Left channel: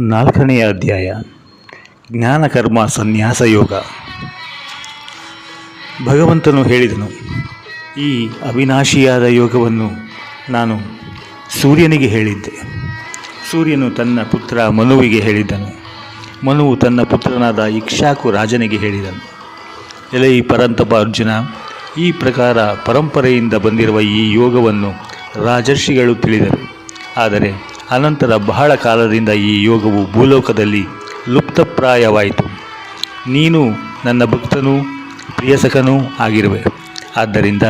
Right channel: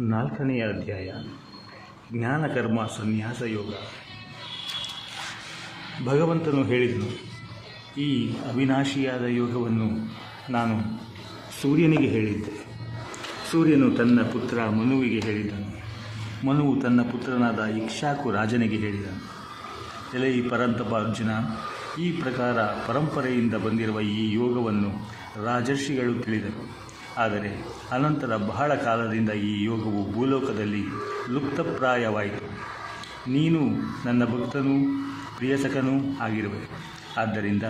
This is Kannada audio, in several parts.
ನಾಲ್ಕನೆಯ ಅಧ್ಯಾಯ ಜ್ಞಾನಕರ್ಮ ಸನ್ಯಾಸ ಯೋಗ. ಭಗವಂತನು ಹೇಳಿದನು, ಈ ಅವಿನಾಶಿಯಾದ ಯೋಗವನ್ನು ನಾನು ಸೂರ್ಯನಿಗೆ ಹೇಳಿದ್ದೆ. ಸೂರ್ಯನು ತನ್ನ ಪುತ್ರ ಮನುವಿಗೆ ಹೇಳಿದ್ದನು. ಮನುವು ತನ್ನ ಪುತ್ರನಾದ ಇಕ್ಷಾಕು ರಾಜನಿಗೆ ಹೇಳಿದನು. ಎಲೈ ಪರಂತಪ ಅರ್ಜುನ, ಈ ಪ್ರಕಾರ ಪರಂಪರೆಯಿಂದ ಬಂದಿರುವ ಈ ಯೋಗವನ್ನು ರಾಜರ್ಷಿಗಳು ತಿಳಿದರು. ಆದರೆ ಅನಂತರ ಬಹಳ ಕಾಲದಿಂದ ಈ ಯೋಗವು ಭೂಲೋಕದಲ್ಲಿ ಲುಪ್ತಪ್ರಾಯವಾಯಿತು. ನೀನು ನನ್ನ ಭಕ್ತನೂ ಪ್ರಿಯಸಕನೂ ಆಗಿರುವೆ. ಆದ್ದರಿಂದ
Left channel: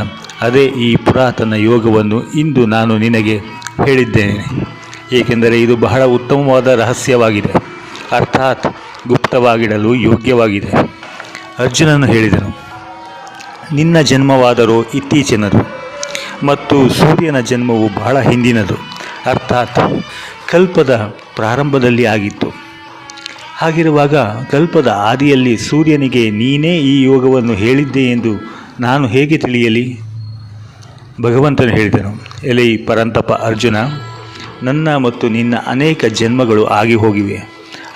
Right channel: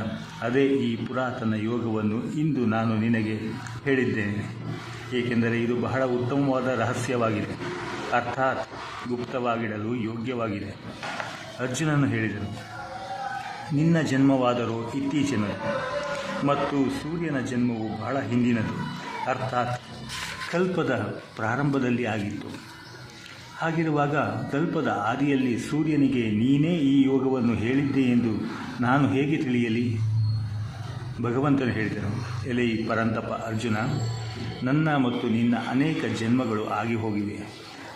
ಅದೇ ಈ ಪುರಾತನ ಯೋಗವನ್ನು ಇಂದು ನಾನು ನಿನಗೆ ಹೇಳಿದ್ದೇನೆ. ಏಕೆಂದರೆ ಇದು ಬಹಳ ಉತ್ತಮವಾದ ರಹಸ್ಯವಾಗಿದೆ. ಅರ್ಥಾತ್ ಗುಪ್ತವಾಗಿಡಲು ಯೋಗ್ಯವಾಗಿದೆ. ಅರ್ಜುನನು ಹೇಳಿದನು, ನಿನ್ನ ಜನ್ಮವಾದರೂ ಇತ್ತೀಚಿನದು ಮತ್ತು ಸೂರ್ಯನ ಜನ್ಮವು ಬಹಳ ಹಿಂದಿನದು. ಅರ್ಥಾತ್ ಕಲ್ಪದ ಪ್ರಾರಂಭದಲ್ಲಿ ಆಗಿತ್ತು. ಹಾಗಿರುವಾಗ ಕಲ್ಪದ ಆದಿಯಲ್ಲಿ ಸೂರ್ಯನಿಗೆ, ನೀನೇ ಈ ಯೋಗವನ್ನು ಹೇಳಿದ್ದೆ ಎಂದು ನಾನು ಹೇಗೆ ತಿಳಿಯಲಿ? ಭಗವಂತನು ಹೇಳಿದನು, ಎಲೈ ಪರಂತಪ ಅರ್ಜುನ, ನನ್ನ ಮತ್ತು ನಿನ್ನ ಅನೇಕ ಜನ್ಮಗಳು ಆಗಿ ಹೋಗಿವೆ.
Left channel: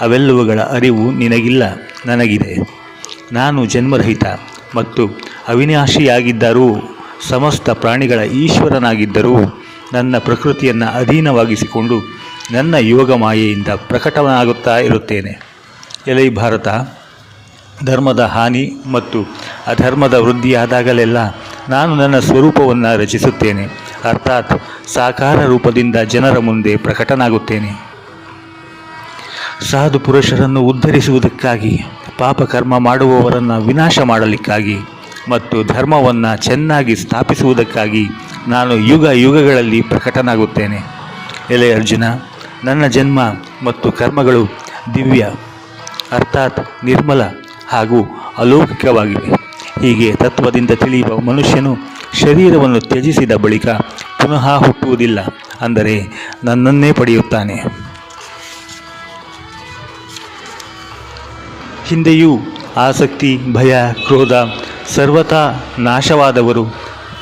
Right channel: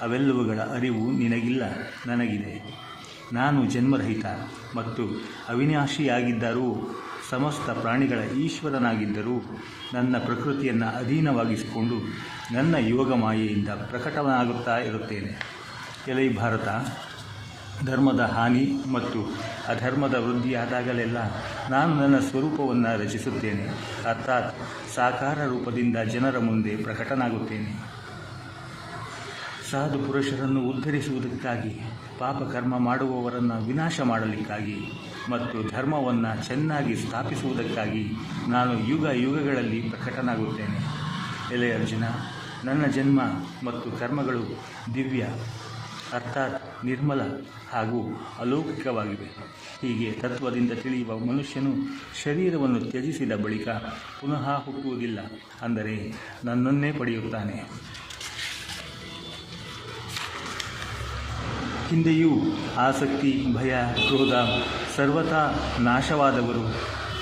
ಅವೆಲ್ಲವುಗಳ ಅರಿವು ನಿನಗಿಲ್ಲ, ನನಗಿದೆ. ನಾನು ಜನ್ಮರಹಿತ ಮತ್ತು ಅವಿನಾಶಿಯಾಗಿದ್ದರೂ, ಸಮಸ್ತ ಪ್ರಾಣಿಗಳ ಈಶ್ವರನಾಗಿದ್ದರೂ ನನ್ನ ಪ್ರಕೃತಿಯನ್ನು ಅಧೀನವಾಗಿಸಿಕೊಂಡು ನನ್ನ ಯೋಗ ಮಾಯೆಯಿಂದ ಪ್ರಕಟವಾಗುತ್ತಾ ಇರುತ್ತೇನೆ. ಎಲೈ ಭಾರತ, ಧರ್ಮದ ಹಾನಿ ಮತ್ತು ಅಧರ್ಮದ ವೃದ್ಧಿಯಾದಾಗಲೆಲ್ಲ ನಾನು ನನ್ನ ಸ್ವರೂಪವನ್ನು ರಚಿಸುತ್ತೇನೆ. ಅರ್ಥಾತ್ ಸಾಕಾರ ರೂಪದಿಂದ ಜನರ ಮುಂದೆ ಪ್ರಕಟನಾಗುತ್ತೇನೆ. ಸಾಧು ಪುರುಷರನ್ನು ಉದ್ಧರಿಸುವುದಕ್ಕಾಗಿ ಪಾಪಕರ್ಮ ಮಾಡುವವರನ್ನು ವಿನಾಶ ಮಾಡಲಿಕ್ಕಾಗಿ ಮತ್ತು ಧರ್ಮವನ್ನು ಚೆನ್ನಾಗಿ ಸ್ಥಾಪಿಸುವುದಕ್ಕಾಗಿ ನಾನು ಯುಗ ಯುಗಗಳಲ್ಲಿ ಪ್ರಕಟನಾಗುತ್ತೇನೆ. ಎಲೆ ಅರ್ಜುನ, ನನ್ನ ಜನ್ಮ ಮತ್ತು ಕರ್ಮಗಳು ದಿವ್ಯ, ಅರ್ಥಾತ್ ನಿರ್ಮಲ ಹಾಗೂ ಅಲೌಕಿಕವಾಗಿವೆ. ಹೀಗೆ ತತ್ವದಿಂದ ತಿಳಿಯುವ ಮನುಷ್ಯನು ಶರೀರವನ್ನು ತ್ಯಜಿಸಿದ ಬಳಿಕ ಪುನಃ ಹುಟ್ಟುವುದಿಲ್ಲ, ಅಂದರೆ ನನ್ನನ್ನೇ ಪಡೆಯುತ್ತಾನೆ. ಹಿಂದೆಯೂ ಆಸಕ್ತಿ, ಭಯ, ಕ್ರೋಧ, ಸರ್ವತಾ ನಾಶವಾದವರು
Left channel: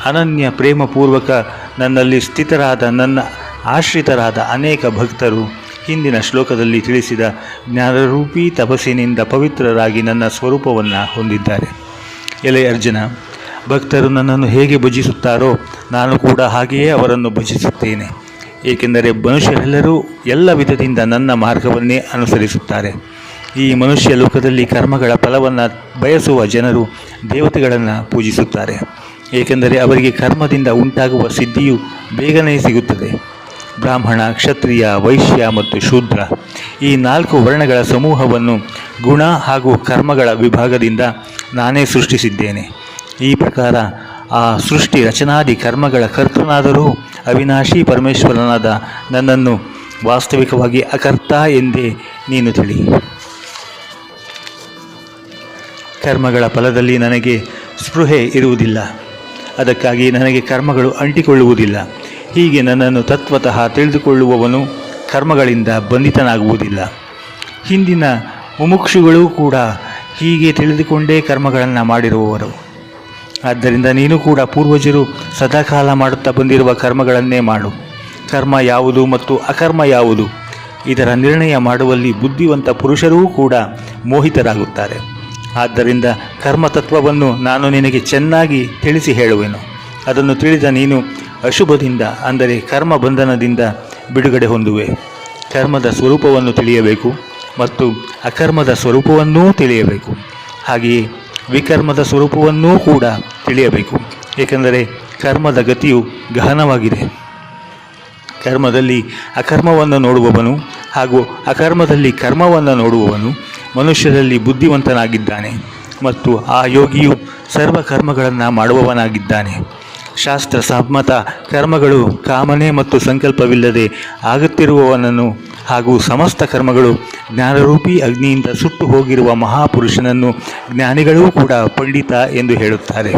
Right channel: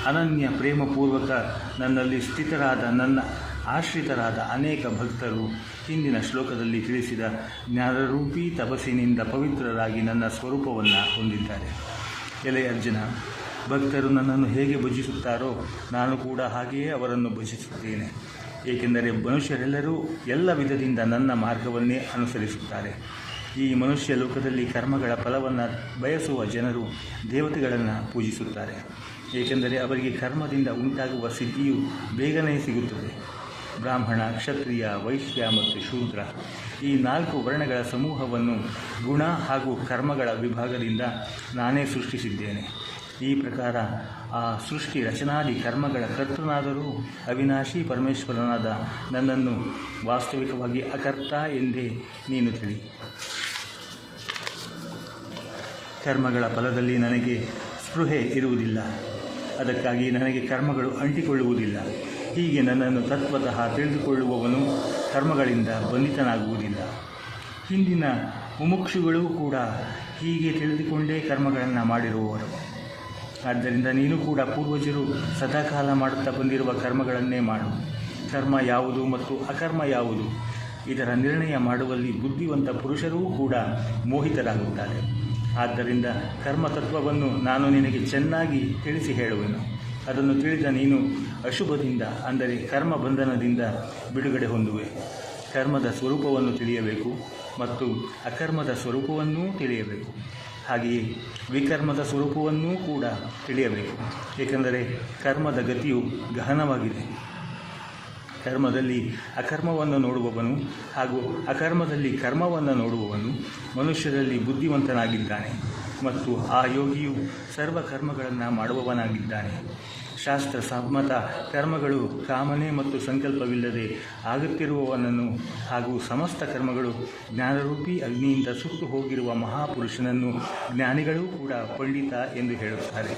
ಅನನ್ಯ ಪ್ರೇಮಪೂರ್ವಕ ನನ್ನಲ್ಲಿ ಸ್ಥಿತರಾದ ನನ್ನ ಆಶ್ರಿತರಾದ ಅನೇಕ ಭಕ್ತರು ಹಿಂದಿನ ಶ್ಲೋಕದಲ್ಲಿ ತಿಳಿಸಿದ ಜ್ಞಾನರೂಪಿ ತಪಸ್ಸಿನಿಂದ ಪವಿತ್ರರಾಗಿ ನನ್ನ ಸ್ವರೂಪವನ್ನು ಹೊಂದಿದ್ದಾರೆ. ಎಲೆ ಅರ್ಜುನ, ಭಕ್ತರು ನನ್ನನ್ನು ಹೇಗೆ ಭಜಿಸುತ್ತಾರೋ ನಾನು ಕೂಡ ಹಾಗೆಯೇ ಅವರನ್ನು ಭಜಿಸುತ್ತೇನೆ. ಏಕೆಂದರೆ ಮನುಷ್ಯರೆಲ್ಲರೂ ಎಲ್ಲ ವಿಧದಿಂದ ನನ್ನ ಮಾರ್ಗವನ್ನೇ ಅನುಸರಿಸುತ್ತಾರೆ. ಈ ಮನುಷ್ಯ ಲೋಕದಲ್ಲಿ ಕರ್ಮಗಳ ಫಲವನ್ನು ಬಯಸುವ ಜನರು ದೇವತೆಗಳನ್ನು ಪೂಜಿಸುತ್ತಾರೆ. ಏಕೆಂದರೆ ಅವರಿಗೆ ಕರ್ಮದಿಂದ ಉಂಟಾಗುವ ಸಿದ್ಧಿಯು ಬೇಗನೆ ಸಿಗುತ್ತದೆ. ಬ್ರಾಹ್ಮಣ, ಕ್ಷತ್ರಿಯ, ವೈಶ್ಯ ಮತ್ತು ಶೂದ್ರ ಈ ನಾಲ್ಕು ವರ್ಣಗಳ ಸಮೂಹವನ್ನು ಗುಣ ಹಾಗೂ ಕರ್ಮಗಳ ವಿಭಾಗದಿಂದ ನಾನೇ ಸೃಷ್ಟಿಸಿದ್ದೇನೆ. ಈ ಪ್ರಕಾರ ಆ ಸೃಷ್ಟಿ ರಚನಾದಿ ಕರ್ಮಗಳ ಕರ್ತನಾದರೂ ಅವಿನಾಶಿ ಪರಮೇಶ್ವರನಾದ ನನ್ನನ್ನು ವಾಸ್ತವಿಕವಾಗಿ ಅಕರ್ತ ಎಂದೇ ನೀನು ತಿಳಿ. ಕರ್ಮಗಳ ಫಲದಲ್ಲಿ ನನಗೆ ಸ್ಪೃಹೆ ಇರುವುದಿಲ್ಲ. ಅದಕ್ಕಾಗಿ ನನಗೆ ಕರ್ಮಗಳು ಅಂಟಿಕೊಳ್ಳುವುದಿಲ್ಲ. ಹೀಗೆ ನನ್ನನ್ನು ತತ್ವತಃ ತಿಳಿದುಕೊಳ್ಳುವವನು ಕರ್ಮಗಳಿಂದ ಬಂಧಿತನಾಗುವುದಿಲ್ಲ. ಹಿಂದಿನ ಮುಮುಕ್ಷುಗಳು ಕೂಡ ಹೀಗೆ ತಿಳಿದುಕೊಂಡೇ ಕರ್ಮಗಳನ್ನು ಮಾಡಿರುವವರು. ಆದ್ದರಿಂದ ನೀನು ಕೂಡ ಪೂರ್ವಜರು ಸದಾಕಾಲ ಮಾಡುತ್ತಾ ಬಂದಿರುವ ಕರ್ಮಗಳನ್ನೇ ಮಾಡು. ಕರ್ಮ ಯಾವುದು ಮತ್ತು ಅಕರ್ಮ ಯಾವುದು ಇದರ ನಿರ್ಣಯ ಮಾಡುವಲ್ಲಿ ಬುದ್ಧಿವಂತ ಪುರುಷರೂ ಕೂಡ ಮೋಹಿತರಾಗುತ್ತಾರೆ. ಆದ್ದರಿಂದ ಕರ್ಮತತ್ವವನ್ನು ನಾನು ನಿನಗೆ ಚೆನ್ನಾಗಿ ತಿಳಿಸಿ ಹೇಳುವೆನು. ಅದನ್ನು ತಿಳಿದ ನೀನು ಅಶುಭದಿಂದ, ಅಂದರೆ ಕರ್ಮ ಬಂಧನದಿಂದ ಬಿಡುಗಡೆ ಹೊಂದುವೆ. ಕರ್ಮದ ಸ್ವರೂಪವನ್ನು ತಿಳಿಯಬೇಕು ಮತ್ತು ಅಕರ್ಮದ ಸ್ವರೂಪವನ್ನೂ ತಿಳಿಯಬೇಕು. ಹಾಗೆಯೇ ವಿಕರ್ಮದ ಸ್ವರೂಪವನ್ನೂ ಕೂಡ ತಿಳಿಯಬೇಕು. ಏಕೆಂದರೆ ಕರ್ಮದ ಗತಿಯು ಗಹನವಾಗಿದೆ. ಕರ್ಮದಲ್ಲಿ ಅಕರ್ಮವನ್ನು ನೋಡುವವನು ಹಾಗೂ ಅಕರ್ಮದಲ್ಲಿ ಕರ್ಮವನ್ನು ನೋಡುವವನು ಮನುಷ್ಯರಲ್ಲಿ ಬುದ್ಧಿವಂತನಾಗಿದ್ದಾನೆ ಮತ್ತು ಆ ಯೋಗಿಯು ಸರ್ವ ಕರ್ಮಗಳನ್ನು ಮಾಡುವವನಾಗಿದ್ದಾನೆ. ಶಾಸ್ತ್ರ, ಸಮ್ಮತ, ಕರ್ಮಗಳು ಕಾಮನೆ ಮತ್ತು ಸಂಕಲ್ಪವಿಲ್ಲದೆ ಆಗುತ್ತಿರುವವನನ್ನು ಹಾಗೂ ಸಮಸ್ತ ಕರ್ಮಗಳು ಜ್ಞಾನರೂಪಿ ಅಗ್ನಿಯಿಂದ ಸುಟ್ಟು ಹೋಗಿರುವ ಮಹಾಪುರುಷನನ್ನು ಜ್ಞಾನಿಗಳೂ ಕೂಡ ಪಂಡಿತ ಎಂದು ಹೇಳುತ್ತಾರೆ.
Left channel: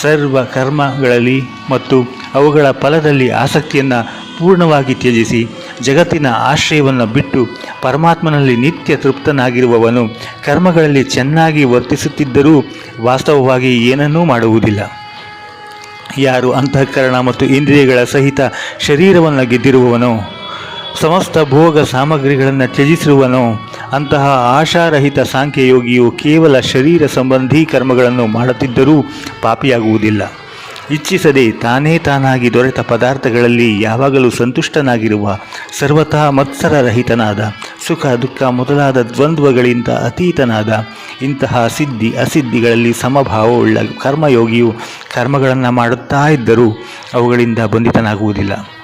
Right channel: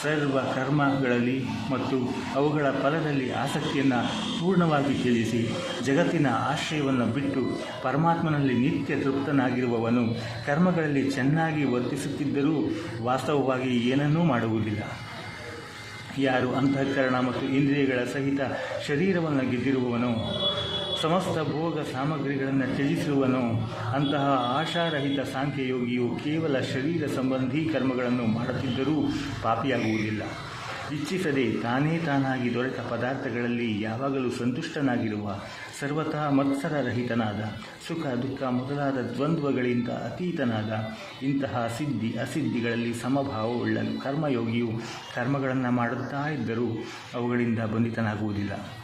ಸರ್ವ ಕರ್ಮಗಳಲ್ಲಿ ಮತ್ತು ಅವುಗಳ ಫಲದಲ್ಲಿ ಆಸಕ್ತಿಯನ್ನು ಪೂರ್ಣವಾಗಿ ತ್ಯಜಿಸಿ ಜಗತ್ತಿನ ಆಶ್ರಯವನ್ನು ಬಿಟ್ಟು ಪರಮಾತ್ಮನಲ್ಲಿ ನಿತ್ಯ ತೃಪ್ತನಾಗಿರುವವನು ಕರ್ಮಗಳಲ್ಲಿ ಚೆನ್ನಾಗಿ ವರ್ತಿಸುತ್ತಿದ್ದರೂ ವಾಸ್ತವವಾಗಿ ಏನನ್ನೂ ಮಾಡುವುದಿಲ್ಲ. ಯಾರು ಅಂತಃಕರಣ ಮತ್ತು ಇಂದ್ರಿಯಗಳ ಸಹಿತ ಶರೀರವನ್ನು ಗೆದ್ದಿರುವವನೋ, ಸಮಸ್ತ ಭೋಗ ಸಾಮಗ್ರಿಗಳನ್ನು ತ್ಯಜಿಸಿರುವನೋ, ಅಂತಹ ಆಶಾರಹಿತ ಸಾಂಖ್ಯಯೋಗಿಯು ಕೇವಲ ಶರೀರ ಸಂಬಂಧಿ ಕರ್ಮಗಳನ್ನು ಮಾಡುತ್ತಿದ್ದರೂ ಪಾಪಿಯಾಗುವುದಿಲ್ಲ. ಇಚ್ಛಿಸದೆ ತಾನೇ ತಾನಾಗಿ ದೊರೆತ ಪದಾರ್ಥಗಳಲ್ಲಿ ಯಾವಾಗಲೂ ಸಂತುಷ್ಟನಾಗಿರುವ ಸರ್ವತಾ ಮತ್ಸರರಹಿತನಾದ, ಸುಖ ದುಃಖ ಮೊದಲಾದ ದ್ವಂದ್ವಗಳಿಂದ ಅತೀತನಾದ, ಇಂತಹ ಸಿದ್ಧಿ ಅಸಿದ್ಧಿಗಳಲ್ಲಿ ಸಮಭಾವವುಳ್ಳ ಕರ್ಮಯೋಗಿಯು ಕರ್ಮಗಳನ್ನು ಮಾಡುತ್ತಾ ಇದ್ದರೂ ಅವುಗಳಿಂದ ಬಂಧಿತನಾಗುವುದಿಲ್ಲ.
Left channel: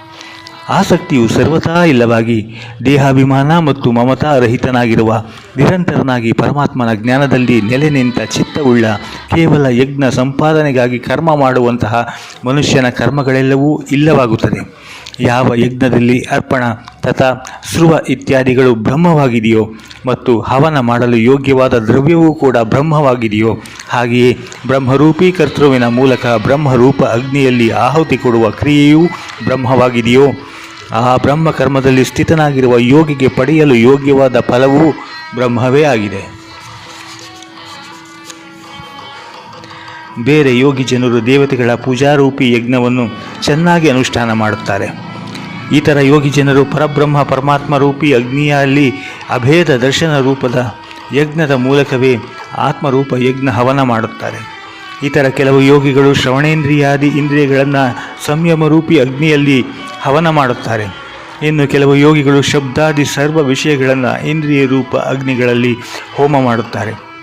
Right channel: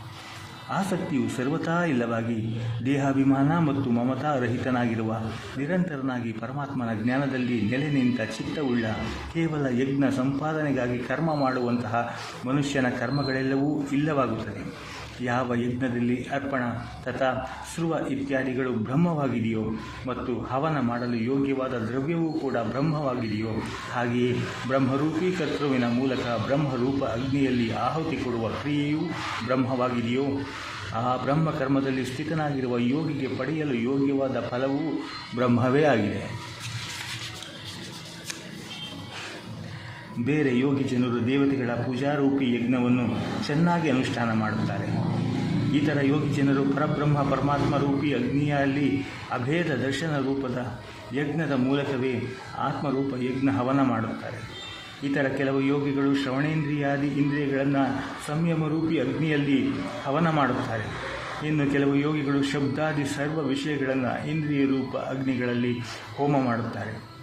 ಆಸಕ್ತಿಯು ಸರ್ವತಾ ಇಲ್ಲವಾಗಿ ದೇಹಾಭಿಮಾನ ಮತ್ತು ಮಮತಾ ರಹಿತನಾಗಿರುವ ನಿರಂತರನಾಗಿ ಪರಮಾತ್ಮನ ಜ್ಞಾನದಲ್ಲಿ ನೆಲೆ ನಿಂತ ಚಿತ್ತವುಳ್ಳ ಕೇವಲ ಯಜ್ಞ ಸಂಪಾದನೆಗಾಗಿ ಕರ್ಮ ಮಾಡುವಂತಹ ಮನುಷ್ಯನ ಕರ್ಮಗಳೆಲ್ಲವೂ ಇಲ್ಲವಾಗುತ್ತದೆ. ಯಾವ ಯಜ್ಞದಲ್ಲಿ ಅರ್ಪಣ ತಥಾ ಸ್ರುವ ಇತ್ಯಾದಿಗಳು ಬ್ರಹ್ಮವಾಗಿದೆಯೋ ಮತ್ತು ಹವನ ಮಾಡಲು ಯೋಗ್ಯವಾದ ದ್ರವ್ಯವೂ ಕೂಡ ಬ್ರಹ್ಮವಾಗಿದೆಯೋ, ಹಾಗೆಯೇ ಬ್ರಹ್ಮರೂಪಿ ಕರ್ತೃವಿನ ಮೂಲಕ ಬ್ರಹ್ಮರೂಪ ಅಗ್ನಿಯಲ್ಲಿ ಆಹುತಿ ಕೊಡುವ ಕ್ರಿಯೆಯೂ ಬ್ರಹ್ಮವಾಗಿದೆಯೋ, ಆ ಬ್ರಹ್ಮ ಕರ್ಮದಲ್ಲಿ ಸ್ಥಿತನಾಗಿರುವ ಯೋಗಿಗೆ ಪಡೆಯಲು ಯೋಗ್ಯವಾದ ಫಲವೂ ಬ್ರಹ್ಮವೇ ಆಗಿದೆ. ಬೇರೆ ಯೋಗಿ ಜನರು ದೇವತೆಗಳ ಪೂಜಾರೂಪಿ ಯಜ್ಞವನ್ನು ಚೆನ್ನಾಗಿ ಅನುಷ್ಠಾನ ಮಾಡುತ್ತಾರೆ. ಇತರ ಯೋಗಿ ಜನರು ಪರಬ್ರಹ್ಮ, ಪರಮಾತ್ಮ ರೂಪಿ ಅಗ್ನಿಯಲ್ಲಿ ಅಭೇದ ದರ್ಶನ ರೂಪದ ಯಜ್ಞದ ಮೂಲಕವೇ ಆತ್ಮರೂಪ ಯಜ್ಞ ಹವನ ಮಾಡುತ್ತಾರೆ. ಇತರ ಕೆಲವು ಯೋಗಿಗಳು ಶ್ರವಣೇಂದ್ರಿಯಾದಿ ಇಂದ್ರಿಯಗಳನ್ನು ಸಂಯಮರೂಪಿ ಅಗ್ನಿಯಲ್ಲಿ ಹವನ ಮಾಡುತ್ತಾರೆ. ಇನ್ನು ಕೆಲವು ಯೋಗಿಗಳು ಶಬ್ದಾದಿ ಸರ್ವ ವಿಷಯಗಳನ್ನು ಇಂದ್ರಿಯ ರೂಪ ಅಗ್ನಿಗಳಲ್ಲಿ ಹೋಮ ಮಾಡುತ್ತಾರೆ.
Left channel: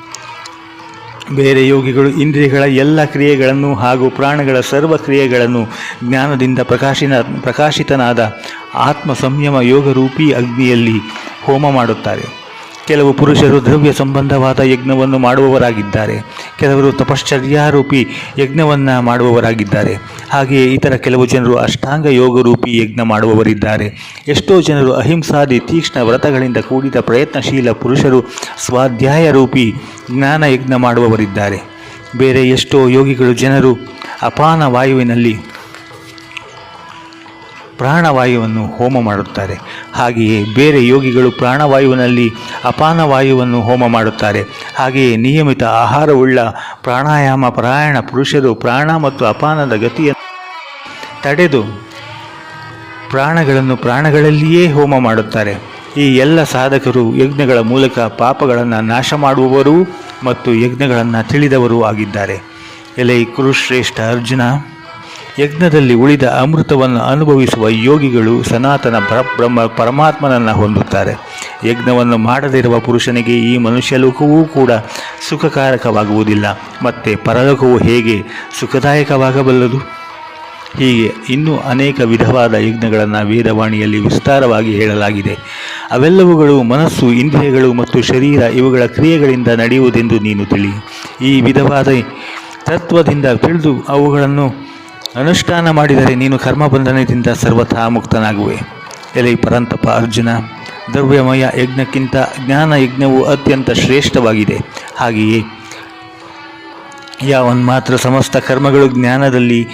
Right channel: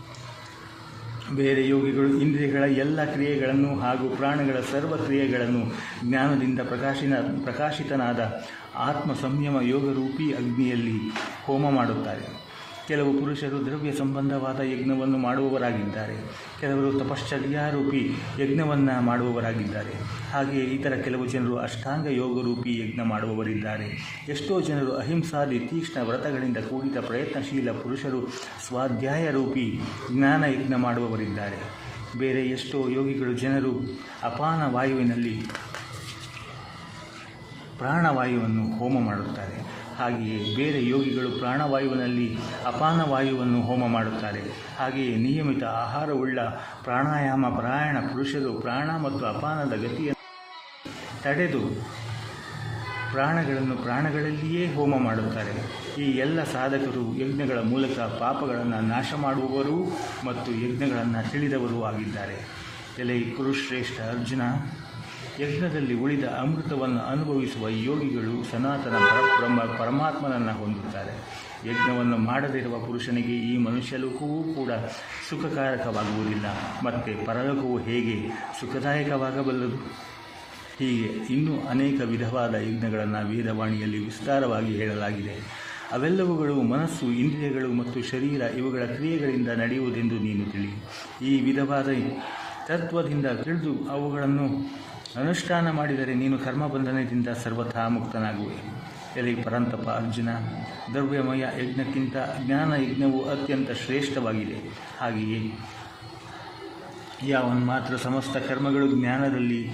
ಬೇರೆ ಯೋಗಿಗಳು ಇಂದ್ರಿಯಗಳ ಎಲ್ಲ ಕ್ರಿಯೆಗಳನ್ನು ಹಾಗೂ ಪ್ರಾಣಗಳ ಸರ್ವ ಕ್ರಿಯೆಗಳನ್ನು ಜ್ಞಾನದಿಂದ ಪ್ರಕಾಶಿನ ಪ್ರಕಾಶಿತನಾದ ಆತ್ಮ ಸಂಯಮ ಯೋಗರೂಪಿ ಅಗ್ನಿಯಲ್ಲಿ ಹೋಮ ಮಾಡುತ್ತಾರೆ. ಕೆಲವು ಪುರುಷರು ದ್ರವ್ಯ ಸಂಬಂಧವಾದ ಯಜ್ಞವನ್ನು ಮಾಡುವವರಾಗಿದ್ದಾರೆ. ಕೆಲವರು ತಪಶ್ಚರ್ಯಾರೂಪಿ ಯಜ್ಞವನ್ನು ಮಾಡುವವರಾಗಿದ್ದಾರೆ. ಹಾಗೆಯೇ ಇತರ ಕೆಲವು ಜನರು ಅಷ್ಟಾಂಗ ಯೋಗರೂಪಿ ಯಜ್ಞ ಮಾಡುವವರಿದ್ದಾರೆ. ಎಷ್ಟೋ ಜನರು ಅಹಿಂಸಾದಿ ತೀಕ್ಷ್ಣ ವ್ರತಗಳಿಂದ ಕೂಡಿದ ಪ್ರಯತ್ನಶೀಲ ಪುರುಷರು ಸ್ವಾಧ್ಯಾಯ ರೂಪಿ ಜ್ಞಾನ ಯಜ್ಞ ಮಾಡುವವರಿದ್ದಾರೆ. ಬೇರೆ ಎಷ್ಟೋ ಯೋಗಿಗಳು ಜನರು ಅಪಾನ ವಾಯುವಿನಲ್ಲಿ ಪ್ರಾಣವಾಯುವನ್ನು ಹೋಮ ಮಾಡುತ್ತಾರೆ. ಹಾಗೆಯೇ ಬೇರೆ ಯೋಗಿಗಳು ಪ್ರಾಣವಾಯುವಿನಲ್ಲಿ ಅಪಾನವಾಯುವನ್ನು ಹೋಮ ಮಾಡುತ್ತಾರೆ. ಹಾಗೆಯೇ ನಿಯಮಿತ ಆಹಾರವುಳ್ಳ ಪ್ರಾಣಾಯಾಮ, ಪರಾಯಣ, ಪುರುಷರು ಪ್ರಾಣ ಮತ್ತು ಅಪಾನದ ಗತಿಯನ್ನು ತಡೆದು ಪ್ರಾಣಗಳನ್ನು ಪ್ರಾಣಗಳಲ್ಲಿಯೇ ಹೋಮ ಮಾಡುತ್ತಾರೆ. ಈ ಎಲ್ಲ ಸಾಧಕರು ಯಜ್ಞಗಳ ಮೂಲಕ ಪಾಪಗಳನ್ನು ನಾಶ ಮಾಡುವವರು ಮತ್ತು ಯಜ್ಞಗಳನ್ನು ತಿಳಿದವರೂ ಆಗಿದ್ದಾರೆ. ಎಲೆ ಕುರುಶ್ರೇಷ್ಠ ಅರ್ಜುನ. ಯಜ್ಞದಲ್ಲಿ ಉಳಿದ ಅಮೃತವನ್ನು ಅನುಭವಿಸುವ ಯೋಗಿಗಳು ಸನಾತನ ಪರಬ್ರಹ್ಮ ಪರಮಾತ್ಮನನ್ನು ಹೊಂದುತ್ತಾರೆ. ಯಜ್ಞವನ್ನು ಮಾಡದಿರುವ ಪುರುಷನಿಗೆ ಈ ಮನುಷ್ಯಲೋಕವೂ ಕೂಡ ಸುಖಕಾರಕವಾಗುವುದಿಲ್ಲ. ಮತ್ತು ಪರಲೋಕವು ಹೇಗೆ ಸುಖದಾಯಕವಾಗಬಲ್ಲದು? ಹೀಗೆ ಇನ್ನೂ ಅನೇಕ ವಿಧವಾದ ಯಜ್ಞಗಳನ್ನು ವೇದವಾಣಿಯಲ್ಲಿ ವಿಸ್ತಾರವಾಗಿ ಹೇಳಲಾಗಿದೆ. ಅವೆಲ್ಲವುಗಳು ಮನಸ್ಸು, ಇಂದ್ರಿಯಗಳು ಮತ್ತು ಶರೀರ ಇವುಗಳ ಕ್ರಿಯೆಗಳಿಂದ ನಡೆಯುವುದೆಂದು ನೀನು ತಿಳಿ ಈ ವಿಧವಾದ ತತ್ವದಿಂದ ತಿಳಿದು ಅವುಗಳನ್ನು ಅನುಷ್ಠಾನ ಮಾಡಿದರೆ ನೀನು ಕರ್ಮಬಂಧನದಿಂದ ಸರ್ವಥಾ ಮುಕ್ತನಾಗುವೆ. ಎಲೆ ಪರಂತಪ ಅರ್ಜುನ, ದ್ರವ್ಯಮಯ ಯಜ್ಞಕ್ಕಿಂತ ಜ್ಞಾನ ಯಜ್ಞವು ಅತ್ಯಂತ ಶ್ರೇಷ್ಠವಾಗಿದೆ. ಹಾಗೆಯೇ ಯಾವನ್ ಮಾತ್ರ ಸಮಸ್ತ ಕರ್ಮಗಳು ಜ್ಞಾನದಲ್ಲಿ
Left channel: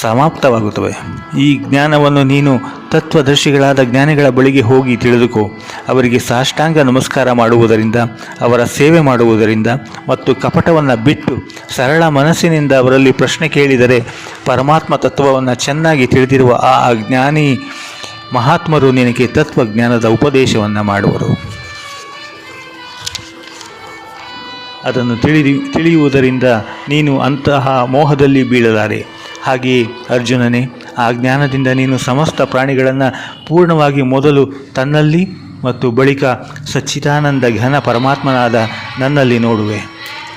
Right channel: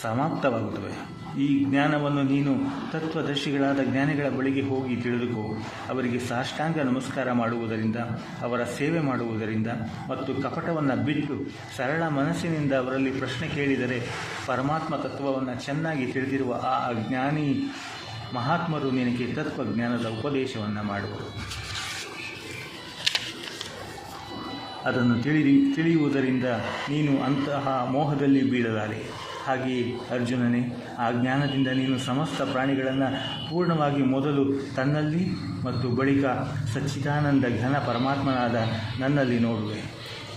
ಸಮಾಪ್ತವಾಗುತ್ತವೆ. ಈ ಜ್ಞಾನವನ್ನು ನೀನು ತತ್ವದರ್ಶಿಗಳಾದ ಜ್ಞಾನಿಗಳ ಬಳಿಗೆ ಹೋಗಿ ತಿಳಿದುಕೋ. ಅವರಿಗೆ ಸಾಷ್ಟಾಂಗ ನಮಸ್ಕಾರ ಮಾಡುವುದರಿಂದ, ಅವರ ಸೇವೆ ಮಾಡುವುದರಿಂದ ಮತ್ತು ಕಪಟವನ್ನು ಬಿಟ್ಟು ಸರಳ ಮನಸ್ಸಿನಿಂದ ಅವರಲ್ಲಿ ಪ್ರಶ್ನೆ ಕೇಳಿದರೆ ಪರಮಾತ್ಮ ತತ್ವವನ್ನು ಚೆನ್ನಾಗಿ ತಿಳಿದಿರುವ ಆ ಜ್ಞಾನಿ ಮಹಾತ್ಮರು ನಿನಗೆ ತತ್ವಜ್ಞಾನದ ಉಪದೇಶವನ್ನು ಮಾಡುವರು. ಅದನ್ನು ತಿಳಿದಿ, ತಿಳಿಯುವುದರಿಂದ ನೀನು ಅಂತಹ ಮೋಹದಲ್ಲಿ ಬೀಳಲಾರೆ. ಹಾಗೆಯೇ ಅರ್ಜುನನೇ, ಆ ಜ್ಞಾನದಿಂದ ನೀನು ಸಮಸ್ತ ಪ್ರಾಣಿಗಳನ್ನು ಪೂರ್ಣವಾಗಿ ಮೊದಲು ತನ್ನಲ್ಲಿ ಮತ್ತು ಬಳಿಕ ಸಚ್ಚಿದಾನಂದ ಘನ ಪರಮಾತ್ಮನಾದ ನನ್ನಲ್ಲಿ ನೋಡುವೆ.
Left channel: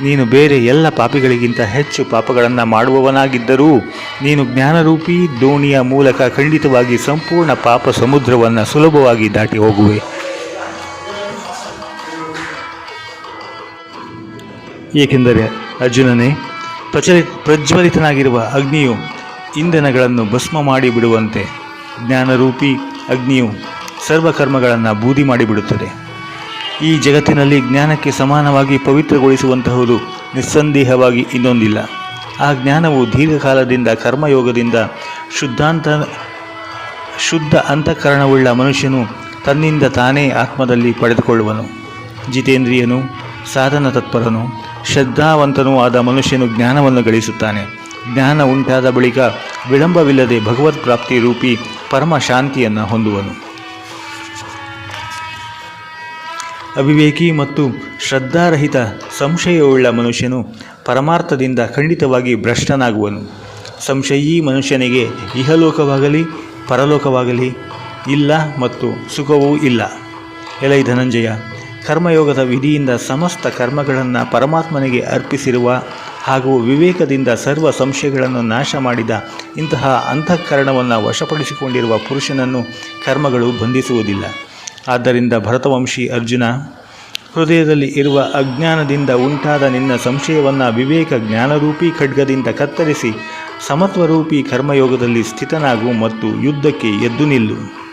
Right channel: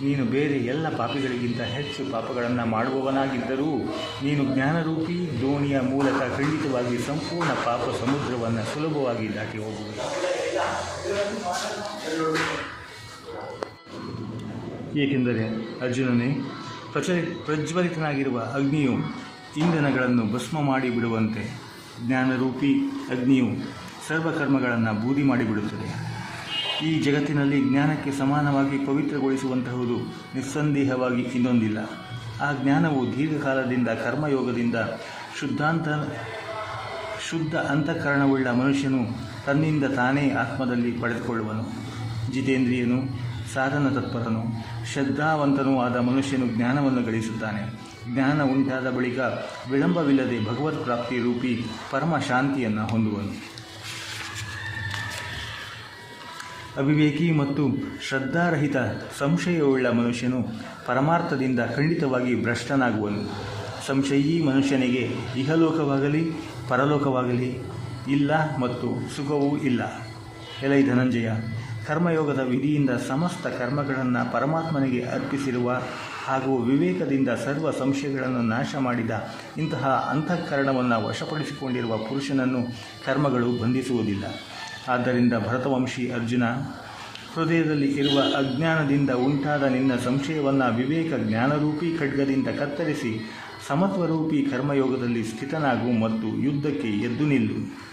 ನೀನು ಬೇರೆ ಎಲ್ಲ ಪಾಪಿಗಳಿಗಿಂತ ಹೆಚ್ಚು ಪಾಪಗಳನ್ನು ಮಾಡುವವನಾಗಿದ್ದರೂ, ನೀನು ಜ್ಞಾನರೂಪಿ ದೋಣಿಯ ಮೂಲಕ ಖಂಡಿತವಾಗಿ ಸಂಪೂರ್ಣ ಪಾಪ ಸಮುದ್ರವನ್ನು ಸುಲಭವಾಗಿ ದಾಟಿ ಹೋಗುವೆ. ಏಕೆಂದರೆ ಅರ್ಜುನನೇ ಪ್ರಚಲಿ ಪ್ರಜ್ವಲಿತನಾಗಿರುವ ಅಗ್ನಿಯು ಇಂಧನಗಳನ್ನು ಭಸ್ಮ ಮಾಡಿಬಿಡುವಂತೆ ಜ್ಞಾನರೂಪಿ ಅಗ್ನಿಯು ಸರ್ವಕರ್ಮಗಳನ್ನು ಬೂದಿ ಮಾಡಿಬಿಡುತ್ತದೆ ಈ ಜಗತ್ತಿನಲ್ಲಿ ಜ್ಞಾನಕ್ಕೆ ಸಮಾನವಾಗಿ ಪವಿತ್ರಗೊಳಿಸುವಂತಹುದು ನಿಸ್ಸಂದೇಹವಾಗಿ ಇನ್ನೊಂದಿಲ್ಲ. ಆ ಜ್ಞಾನವು ದೀರ್ಘಕಾಲದಿಂದ ಕರ್ಮಯೋಗದಿಂದ ಶುದ್ಧಾಂತ, ಶುದ್ಧ ಅಂತಃಕರಣವುಳ್ಳ ಮನುಷ್ಯನು ತನ್ನಿಂದ ತಾನೇ ಆತ್ಮದಲ್ಲಿ ಪಡೆದುಕೊಳ್ಳುವನು. ಜಿತೇಂದ್ರಿಯನು ಸಾಧನ ತತ್ಪರನು, ಶ್ರದ್ಧಾವಂತನೂ ಆದ ಮನುಷ್ಯನು ಜ್ಞಾನವನ್ನು ಗಳಿಸುತ್ತಾನೆ. ಜ್ಞಾನ ಉಂಟಾದ ಬಳಿಕ ವಿಳಂಬವಿಲ್ಲದೆ ಭಗವತ್ ಪ್ರಾಪ್ತಿ ರೂಪಿ ಪರಮ ಶಾಂತಿಯನ್ನು ಹೊಂದುವನು. ಅವಿವೇಕಿ ಮತ್ತು ಶ್ರದ್ಧಾರಹಿತ ಸಂಶಯವುಳ್ಳ ಮನುಷ್ಯನು ಪರಮಾರ್ಥದಿಂದ ಖಂಡಿತವಾಗಿ ಭ್ರಷ್ಟನಾಗುವನು. ಸಂಶಯಿ ಮನುಷ್ಯನಿಗೆ ಇಹಲೋಕವಾಗಲಿ, ಪರಲೋಕವಾಗಲಿ ಇಲ್ಲ ಮತ್ತು ಸುಖವೂ ಇಲ್ಲ. ಎಲೈ ಧನಂಜಯ. ಕರ್ಮಯೋಗದ ವಿಧಿಯಿಂದ ಸಮಸ್ತ ಕರ್ಮಗಳನ್ನು ಪರಮಾತ್ಮನಿಗೆ ಅರ್ಪಿಸಿರುವ ಹಾಗೂ ವಿವೇಕದಿಂದ ಸರ್ವ ಸಂಶಯಗಳನ್ನು ನಾಶ ಮಾಡಿದ ಇಂತಹ ಅಂತಃಕರಣವನ್ನು ವಶಪಡಿಸಿಕೊಂಡಿರುವ ಪುರುಷನನ್ನು ಕರ್ಮಗಳು ಬಂಧಿಸುವುದಿಲ್ಲ. ಆದ್ದರಿಂದ ಭರತವಂಶಿ ಅರ್ಜುನ, ಹೃದಯದಲ್ಲಿ ಇರುವ ಅಜ್ಞಾನದಿಂದ ಉಂಟಾದ ನಿನ್ನ ಸಂಶಯವನ್ನು ವಿವೇಕ ಜ್ಞಾನರೂಪಿ ಖಡ್ಗದಿಂದ ಕತ್ತರಿಸಿ ಸಮತ್ವರೂಪಿ ಕರ್ಮಯೋಗದಲ್ಲಿ ಸ್ಥಿತನಾಗು ಮತ್ತು ಯುದ್ಧಕ್ಕೆ ಎದ್ದು ನಿಲ್ಲು.